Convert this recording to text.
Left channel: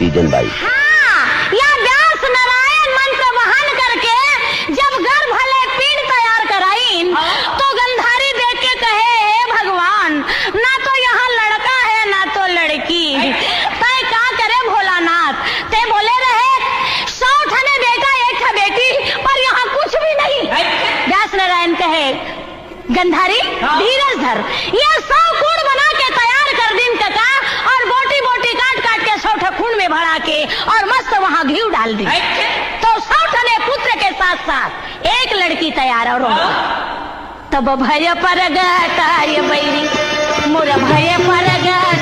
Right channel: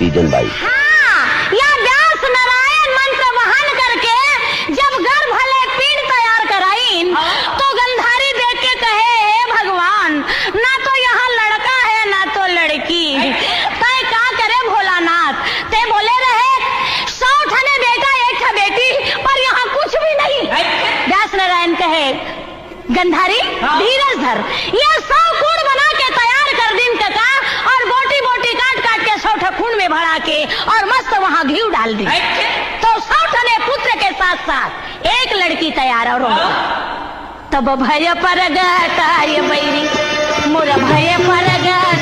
तीजन बाई। हाँ, या व्यास नारायण मंत्र वहन करके जब गर्भ भले पिंड तैयार कराइन तो गंधारी देख के कहे हे भगवान, ना तो यहाँ लड़का है ना तो लड़की, तय का करे भोलानाथ। ते बोले रहे 100 ठने बेटा 1 ठे बेटी, पर यहाँ कुछ भी नहीं। व्यास नारायण कहे गंधारी धीरज धर, ये 100 कूड़ बना के तैयार कर दिन कका, और बोटी बोटी काट काट के 100 ठे खून में भरा के और मस्त वहाँ घी डाल दी, तो 100 ठने पुत्र के साथ साथ 1 लड़की तैयार और हो। तब भय पर गता ये बैरी मोर भय पर गता